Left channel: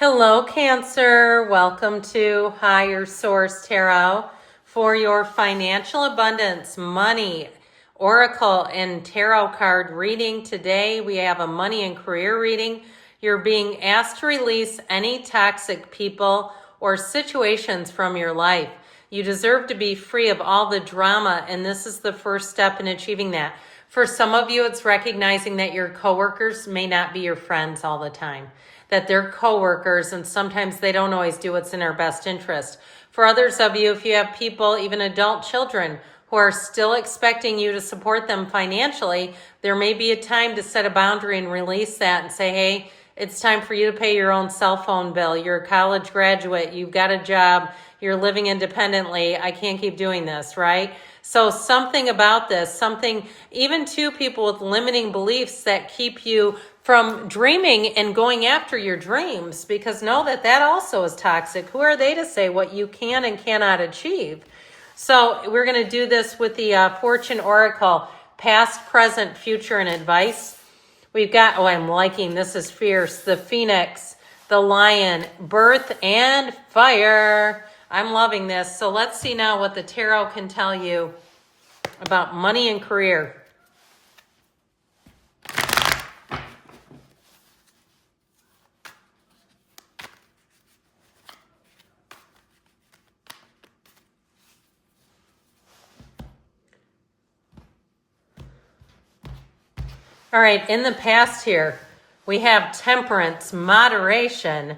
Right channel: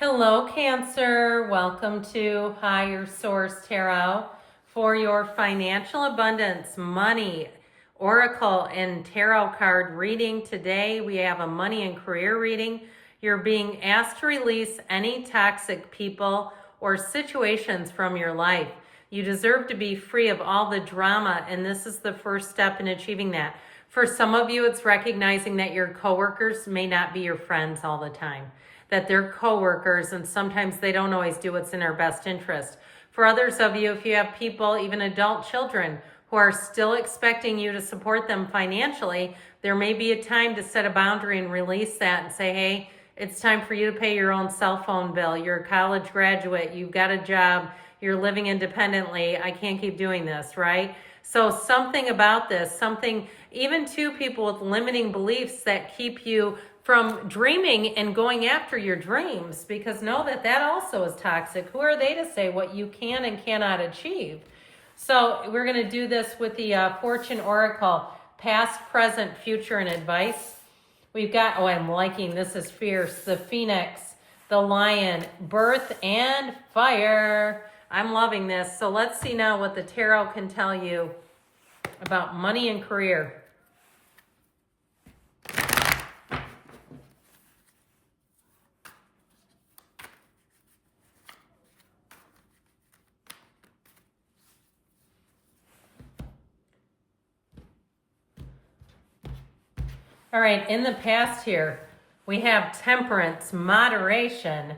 Hello, Cancer. Welcome to Higher Source Tarot for your financial abundance, money, oracle, and tarot card reading. Today, we have a money and career reading. You're being asked to release any toxic people or situations from your life. You deserve to be free of all the drama, and this is the first step in achieving that. For some of you, it's recognizing that your coworkers may not be your friends all the time, that they're coworkers and sometimes they don't always do what's in our best interest. For others of you, if you have people, even adult children, who are still expecting you to support them financially, there may be a time to set a boundary and release that and say, hey, it's time for you to pay your own cell phone bill. You're a college graduate, you've got a job, you're living independently. I can't keep doing this, right? So something about this, something, even to people with limiting beliefs that keep you from dreaming and going after your dreams, because know that that also is toxic. Who are they to say what you can and cannot achieve? So we're going to do this with the Fortune Oracle, past, present, future, and advice. We've got, oh, I'm liking, this is fierce, the Phoenix, the Lion, birth, and fire. I'm loving this. So let's see now what the tarot can tell you about money and career. All right, in the past here, we have temperance, moderation,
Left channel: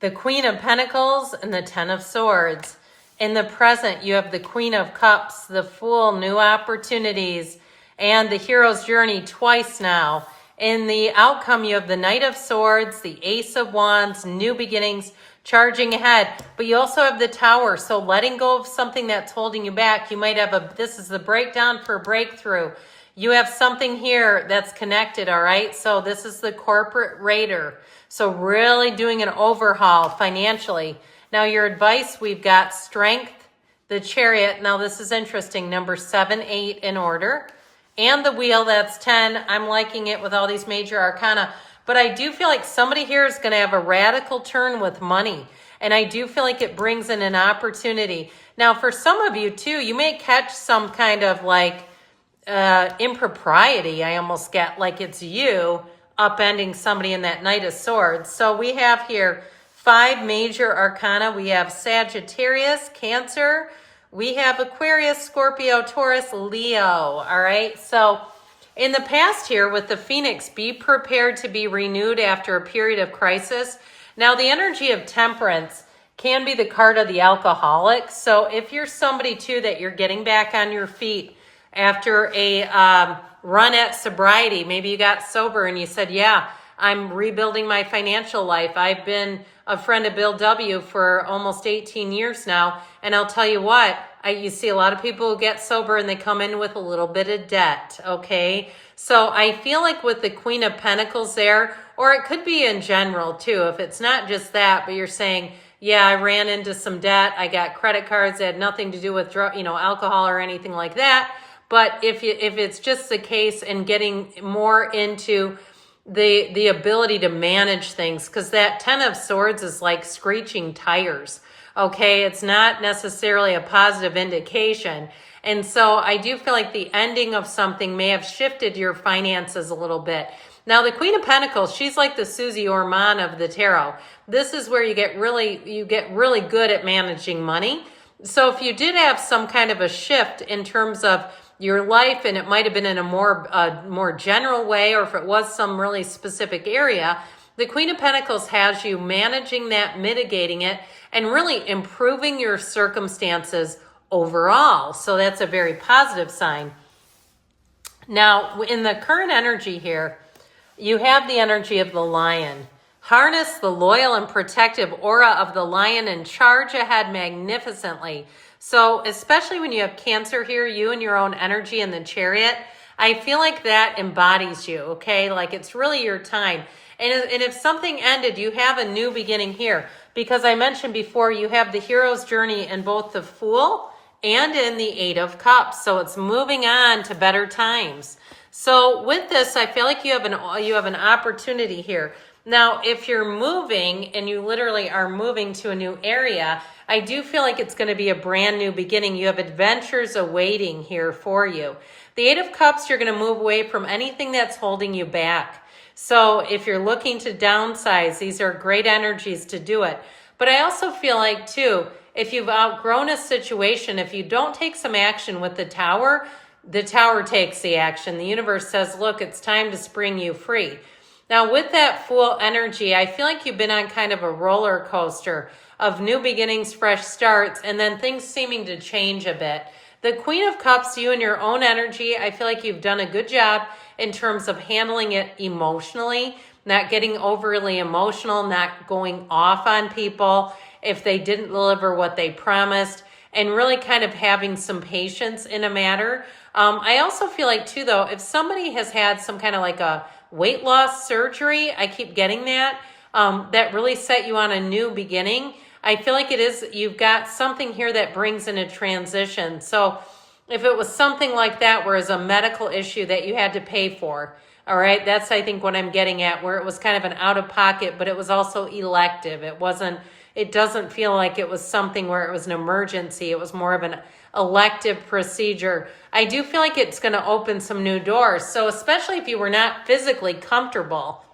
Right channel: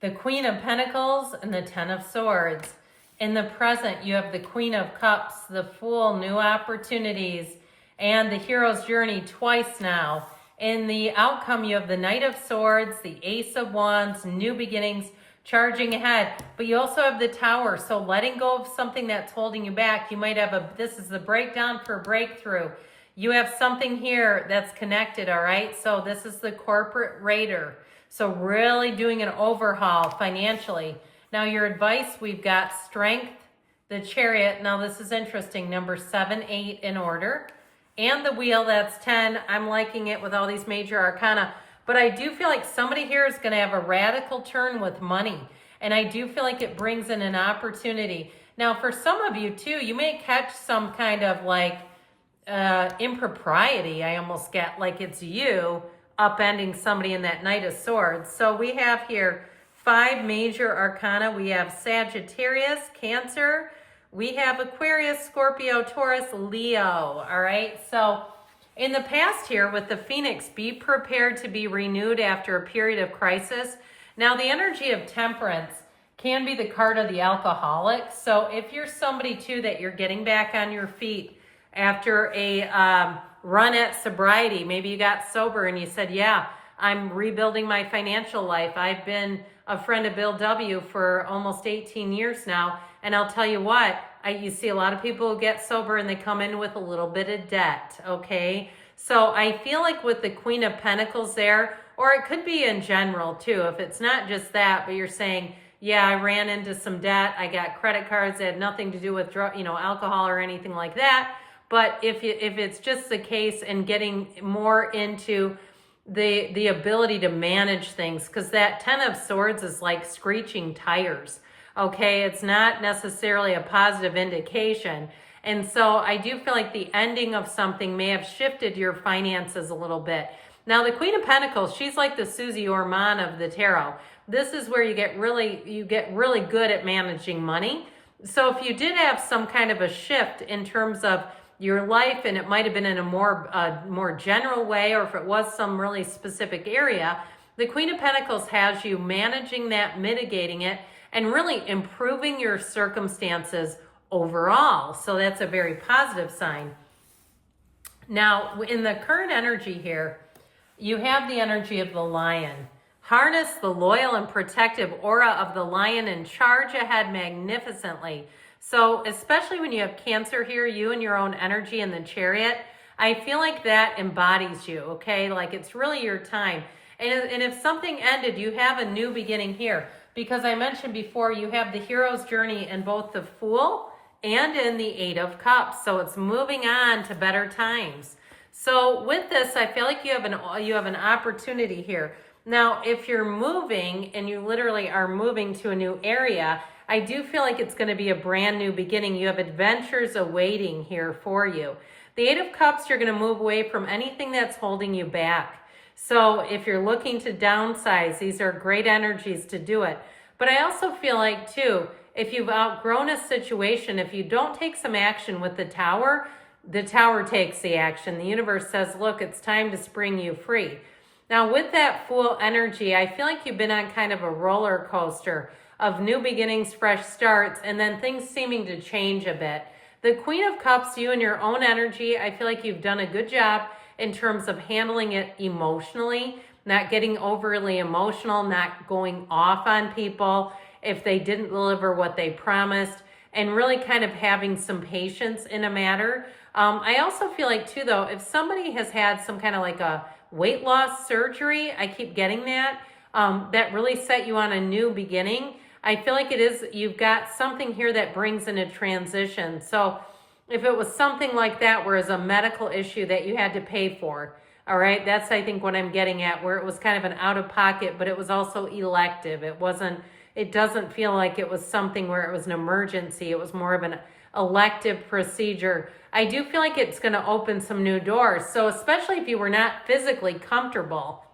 the Queen of Pentacles, and the Ten of Swords. In the present, you have the Queen of Cups, the Fool, new opportunities, and the Hero's Journey twice now. In the outcome, you have the Knight of Swords, the Ace of Wands, new beginnings, charging ahead. But you also have the Tower, so letting go of something that's holding you back. You might have this is the breakdown for breakthrough. You have something here that's connected, all right? So this is the Corporate Raider. So really doing an overhaul financially. Now your advice, we've got Strength, the Chariot. Now this is interesting, number 7, 8 in order. And the Wheel, that's 10. I'm liking it with all these major arcana. But I do feel like somebody here is going to have a radical turn with money. And I do feel like it brings in an opportunity. Now for some of you too, you may catch some kind of like impropriety. I almost get like it's you upending somebody in that Knight of Swords. So we have here 5 major arcana. We have Sagittarius, Cancer. We have Aquarius, Scorpio, Taurus, Leo. All right. So in the past here with the Phoenix, be prepared to be renewed after a period of crisis. Now the energy of temperance can be the card of the alcoholic. So if you're somebody too that you're getting back on your feet after a run at sobriety, maybe you got sober and you said, yeah, I'm rebuilding my financial life. I've been a friend of Bill W. for almost 18 years now. And I'll tell you what, you see a lot of people who get sober and they come in with a little bit of debt, okay? So I feel like with the Queen of Pentacles there, or it could be in general too, if it's not just that, but you're saying, yeah, I ran into some debt. I got credit cards that had nothing to do with alcohol or anything like that. But if it's just the case and getting more into the ability to manage things, because that Ten of Swords is like screeching tires, okay? It's not necessarily a positive indication. And so I do feel like the ending of something may have shifted your finances a little bit. Now the Queen of Pentacles, she's like the Susie Orman of the tarot. This is where you get really good at managing money. So if you did have some kind of a shift in terms of your life, and it might have been in a more general way, or if it was some really specific area, the Queen of Pentacles has you managing that, mitigating it, and really improving your circumstances overall. So that's a very positive sign. Now, in the current energy here, you have the energy of the Lion. Harness the loyal and protective aura of the Lion and charge ahead magnificently. So especially when you have Cancer here, you and your own energy in the Chariot, I feel like that embodies you, okay? Like it's really your time. And if something ended, you have a new beginning here. Because I mentioned before, you have the Hero's Journey in both the Fool and in the Eight of Cups. So it's moving on to better times. So with this, I feel like you have an opportunity here. Now, if you're moving and you literally are moving to a new area, I do feel like it's going to be a brand new beginning. You have adventures awaiting here for you. The Eight of Cups, you're going to move away from anything that's holding you back. So if you're looking to downsize, these are great energies to do it. But I also feel like, too, if you've outgrown a situation, if you don't take some action with the Tower takes the action. The universe says, look, it's time to spring you free. Now, with that Fool energy, I feel like you've been on kind of a roller coaster of new beginnings, fresh starts, and then things seeming to change a bit. The Queen of Cups, you and your own energy, I feel like you've done a good job in terms of handling it emotionally, not getting overly emotional, not going off on people if they didn't deliver what they promised, and really kind of having some patience in a matter. I also feel like, too, though, if somebody has had some kind of like a weight loss surgery, I keep getting that, that really set you on a new beginning. I feel like you've got something here that brings in a transition. So if it was something like that, where it's a medical issue that you had to pay for, all right, that's, I think, what I'm getting at, where it was kind of an out of pocket, but it was also elective. It doesn't feel like it was something where it was an emergency. It was more of an elective procedure. I do feel like it's going to open some new doors. So especially if you were not physically comfortable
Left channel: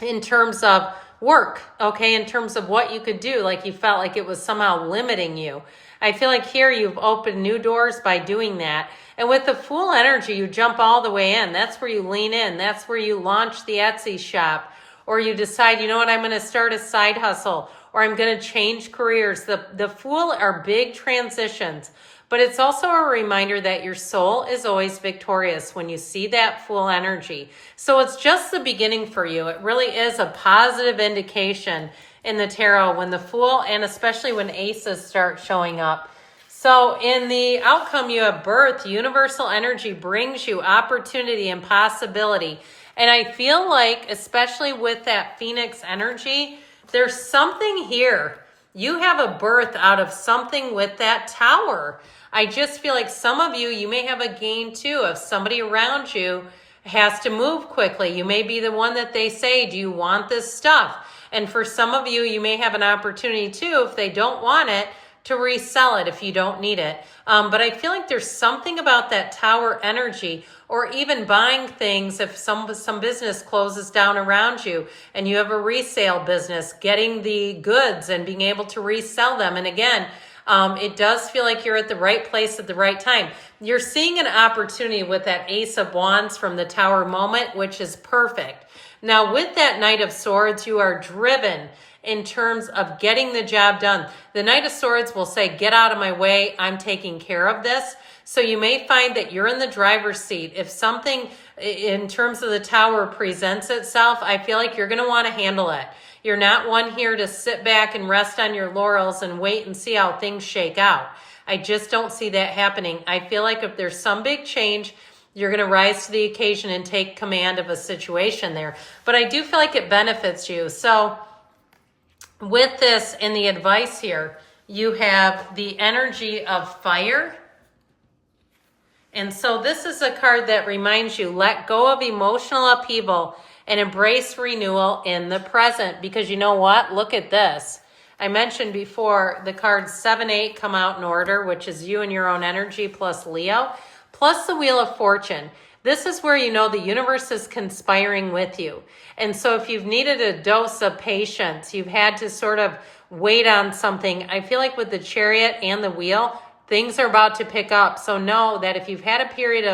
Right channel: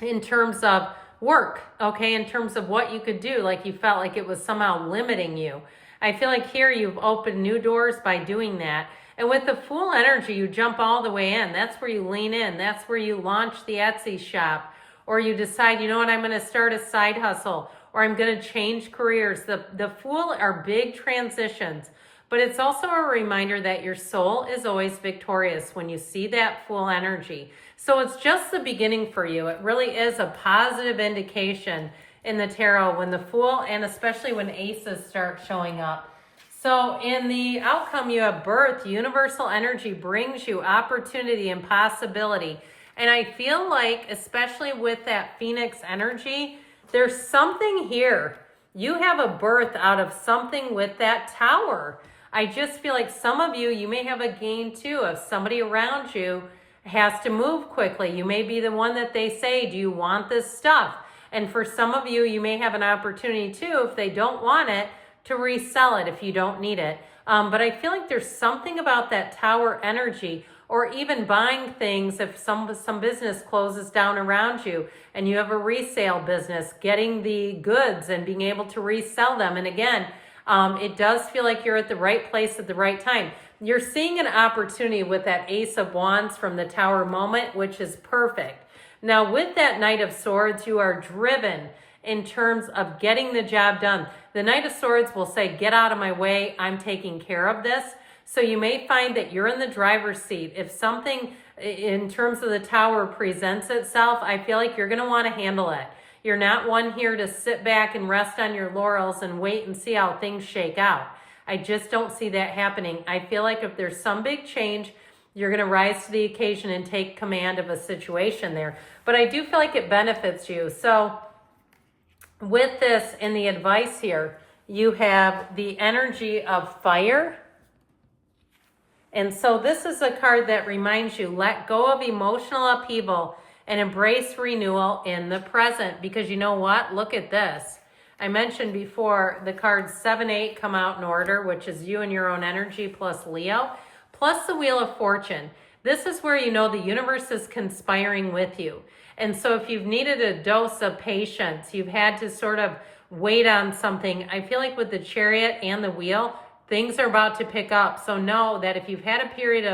in terms of work, okay, in terms of what you could do, like you felt like it was somehow limiting you. I feel like here you've opened new doors by doing that. And with the Fool energy, you jump all the way in. That's where you lean in. That's where you launch the Etsy shop, or you decide, you know what, I'm going to start a side hustle, or I'm going to change careers. The Fool are big transitions, but it's also a reminder that your soul is always victorious when you see that Fool energy. So it's just the beginning for you. It really is a positive indication in the tarot when the Fool, and especially when aces start showing up. So in the outcome, you have birth. Universal energy brings you opportunity and possibility. And I feel like, especially with that Phoenix energy, there's something here. You have a birth out of something with that Tower. I just feel like some of you may have a gain too. If somebody around you has to move quickly, you may be the one that they say, do you want this stuff? And for some of you, you may have an opportunity too, if they don't want it, to resell it if you don't need it. But I feel like there's something about that Tower energy, or even buying things if some business closes down around you and you have a resale business, getting the goods and being able to resell them. And again, it does feel like you're at the right place at the right time. You're seeing an opportunity with that Ace of Wands from the Tower moment, which is perfect. Now, with that Knight of Swords, you are driven in terms of getting the job done. The Knight of Swords will say, get out of my way, I'm taking care of this. So you may find that you're in the driver's seat. If something in terms of the Tower presents itself, I feel like you're going to want to handle it. You're not one here to sit back and rest on your laurels and wait and see how things shake out. I just don't see that happening. I feel like if there's some big change, you're going to rise to the occasion and take command of a situation there. But I do feel like it benefits you. So with this in the advice here, you have the energy of fire. And so this is a card that reminds you, let go of emotional upheaval and embrace renewal in the present. Because you know what? Look at this. I mentioned before the cards 7, 8 come out in order, which is you and your own energy plus Leo, plus the Wheel of Fortune. This is where you know the universe is conspiring with you. And so if you've needed a dose of patience, you've had to sort of wait on something, I feel like with the Chariot and the Wheel, things are about to pick up. So know that if you've had a period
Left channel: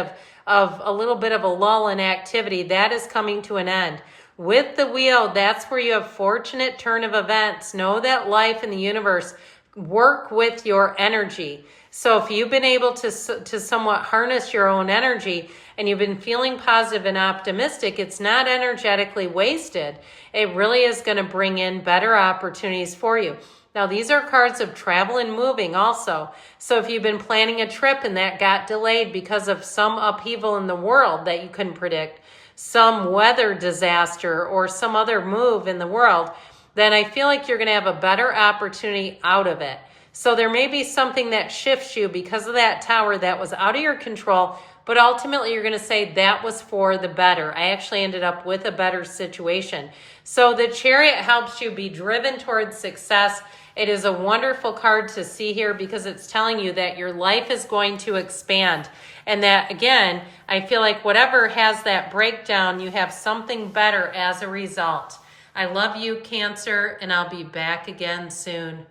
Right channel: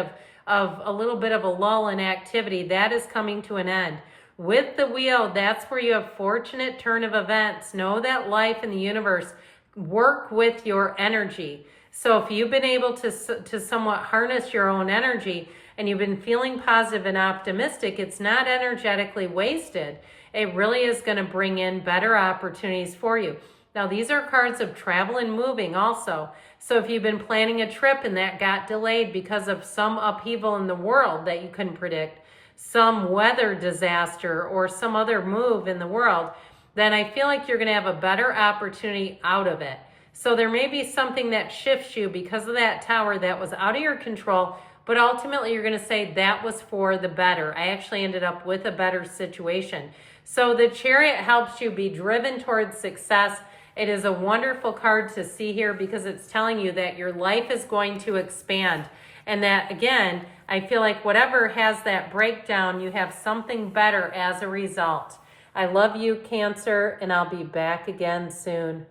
of a little bit of a lull in activity, that is coming to an end. With the Wheel, that's where you have fortunate turn of events. Know that life and the universe work with your energy. So if you've been able to somewhat harness your own energy and you've been feeling positive and optimistic, it's not energetically wasted. It really is going to bring in better opportunities for you. Now, these are cards of travel and moving also. So if you've been planning a trip and that got delayed because of some upheaval in the world that you couldn't predict, some weather disaster or some other move in the world, then I feel like you're going to have a better opportunity out of it. So there may be something that shifts you because of that Tower that was out of your control, but ultimately you're going to say that was for the better. I actually ended up with a better situation. So the Chariot helps you be driven towards success. It is a wonderful card to see here because it's telling you that your life is going to expand. And that, again, I feel like whatever has that breakdown, you have something better as a result. I love you, Cancer, and I'll be back again soon.